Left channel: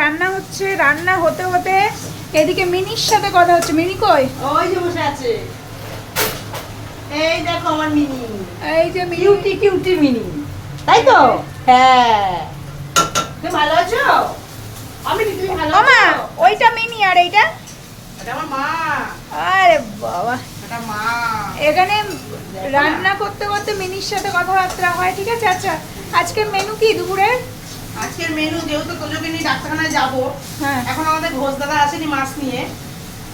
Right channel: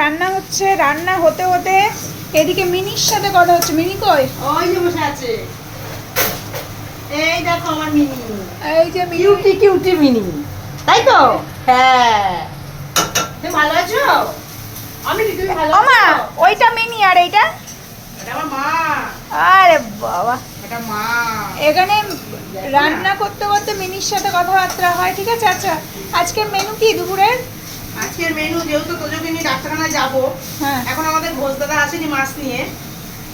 রান্না হচ্ছে, রান্না হতে হতে এদিকে মিনির সাথে কথা হচ্ছে। মিনি কই? ওই যে বসে আছে। এই দেখো আমার মিনি। এই যে মিনি। কিউটি কিউটি মিনি, তাই তো? হ্যাঁ, তুমি ভালো আছো? আমি তুমি ভালো আছো? ওমা, ওইটা মিনি আর এইটা এটা আমার মা। আরে বাবা, এটা মা। এখানে রান্না করতে করতে মিনির সাথে কথাবার্তা হয়। ঠিক আছে। আচ্ছা, আজকে মেনু কি দুপুরের? আজকের মেনু যেহেতু তোজোকে নিয়ে ডাক্তারখানায় যাবো, হ্যাঁ, এখন আমাদের ঘোষ দাদা আসেনি মাছ নিয়ে,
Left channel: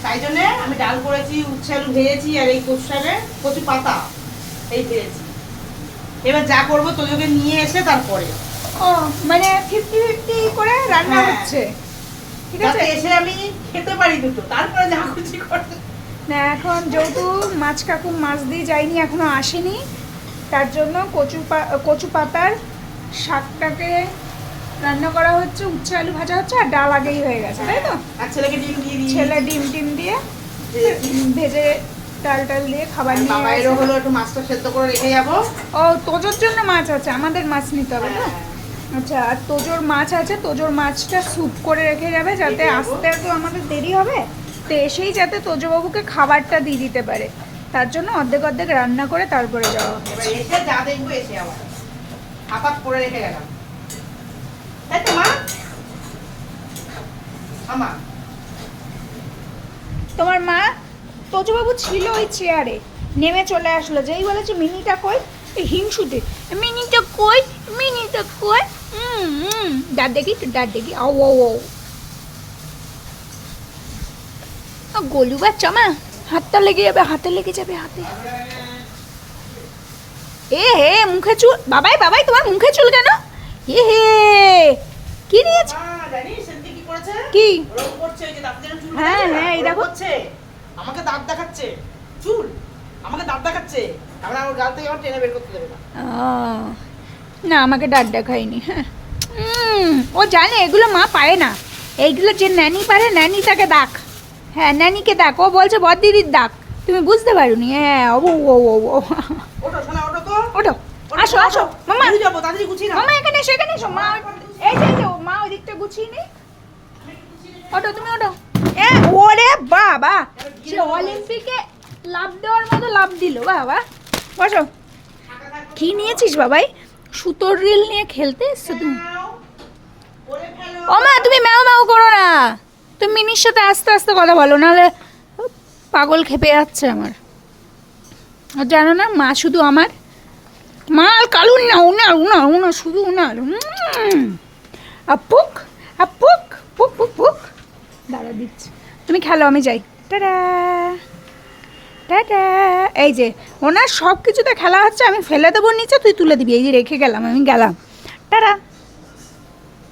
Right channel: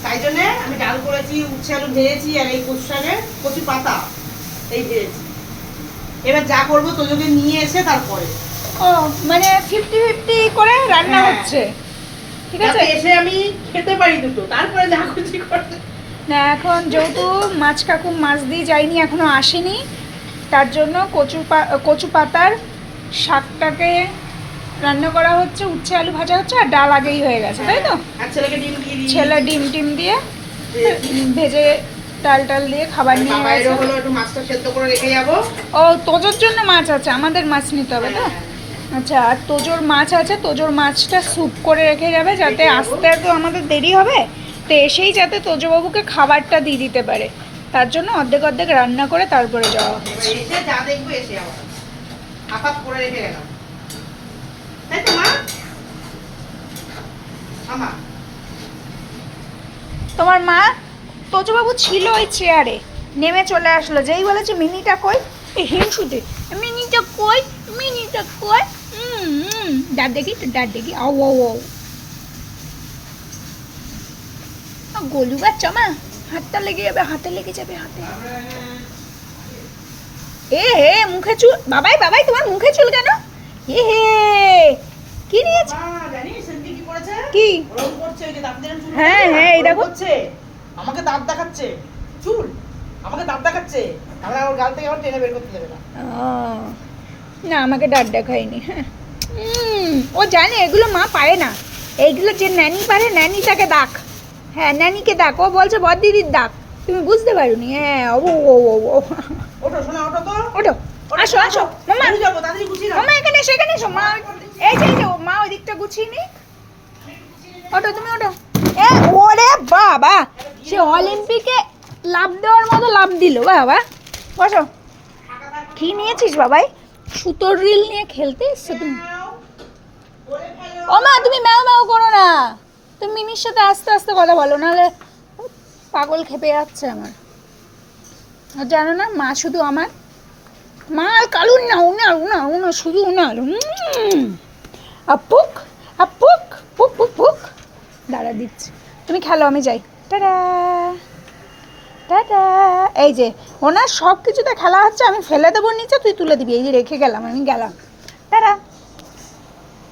তাই জন্য আমি ডাল করেছি, উচ্ছে আলু ভেজেছি, আর এই কচু শাকের কচু পাতা এই ভেজেছি। এবার যা করবো তোজোকে নিয়ে এসে তারপরে। ও মানে 50-50 করে রান্না হ্যাঁ। হচ্ছে। ঠিক আছে। যাতে এসে আমি খেতে পারি দুটো, তারপরে যা খুশি করতে। না, এখন যেহেতু মাছ কাকু মাছ দিয়ে যায়নি, এখনো আসেনি, তার জন্য কচু পাতার শাকটাকে রান্না করা হচ্ছে, উচ্ছে আলু ভাজা হচ্ছে, আর ডাল আগেই হয়ে গেছে, তাই তো? আর ছেলেকে ডিম দিয়ে দিই। ছেলে ডিম টিম দিয়ে ভেজে ডাল টাল দিয়ে খাবার নিয়ে বাইরে গেছে। হলো একটু মাছটা সেদ্ধ করে রেখে যাবো। ও, তোজোর জন্য মাছ আছে, আমাদের মাছ নিতে হবে তো? হ্যাঁ। আচ্ছা, আর তোজোর মাছ আছে, তোজোর মাছটা স্যুপ করে রেখে যাবে, যাতে রেখে যাবো। আসতে তো আমাদের দেরি হবে, তো এসেই যাতে তোজোবাবুকে খাবারটা দিয়ে দিতে পারে, তার জন্য অর্ধেক অর্ধেক রান্না করে তারপরে যাওয়া হবে। এবার এসে যা দেখবো এসে যাবো, আপাত করে রেখে গেলাম, তাই তো মা? আমা তোমার মা, তোজোবাবু ছিল ওই চেয়ারে, নেমে চলে আসলো, যেই বলেছে মিনিটা কই, এই হিংসুতে, মিনিটা কই, মিনিটা কই, দাঁত দেখি তো, দাঁত দেখি, ও ও ও গলু বাচ্চা মা, হাতটা লেগে যাবে, হাতে লেগে যাবে, হাতে। এ হে, মুখে চুল, বাবাই বাবাই, তোমার মুখে চুল কেন? এ হে, কি নিয়েছে? মা জানিস সেদিন কি করেছে? কি? ওরকম করছে, ওই যে দাঁত দিয়ে চুল হ্যাঁ, কাটছে না? হ্যাঁ, এই দেখো। ওরকম করছে, আমাকে দাঁত দেখাচ্ছে, চুল আমাকে দাঁত দেখাচ্ছে, আমরা ওর গাল থেকে আমার টেনে বের করতে দেবে না। না, আমাকে ডাক দেখায়নি। হ্যাঁ, ও জানে এগুলো মা পারে না, এইগুলো যে ন্যানি পারে, ন্যানি তাকে ডাক। হ্যাঁ, ন্যানিকে ডাক, ও বলছে বড় দিদির ডাক, তুমি বুঝতে পারোনি। হ্যাঁ, ও ও ও ও ওঠো শোনা, ওঠো তো। ওঠো, আসো আসো মামা, বেরিয়ে যাবো, তাড়াতাড়ি গুছিয়ে নাও। মামা এখানে এসো, এখানে এসো মা, এই যে মা ওই দিকটা গুছিয়ে নি, ওঠো তুমি, ওঠো। এ ওরে বাবা, সে অলিম্পিকে লাভ দেওয়ার মতো লাভ দিল বাবা। বসো। কি নিয়েছিস বাবাই? সুতোর রিল নিয়ে খেলতে এসছো তুমি? ওরে ফেলো। ও মা, তুমি ম্যাও ম্যাও করো না, তুমি মিনির সাথে আস্তে আস্তে কথা বলো, নাহলে পাগল খেপে যাচ্ছে আমার। আর জানো না, মা শুধু আমার, মা আর কালুন না, উনার উনার উনার শুধু উনার। আপুক আপুক, পুক পুক পুক, দাঁড়া দিচ্ছি, তুমি খেলো, আমি যাই, টাটা টাটা। এই যে ওনার সব কিছুতে খেলা হচ্ছে, আমি ফেলে দেবো নিচে, তুই তুলে দিবি, এই যে রেখে গেলাম, আমি গেলাম, টাটা।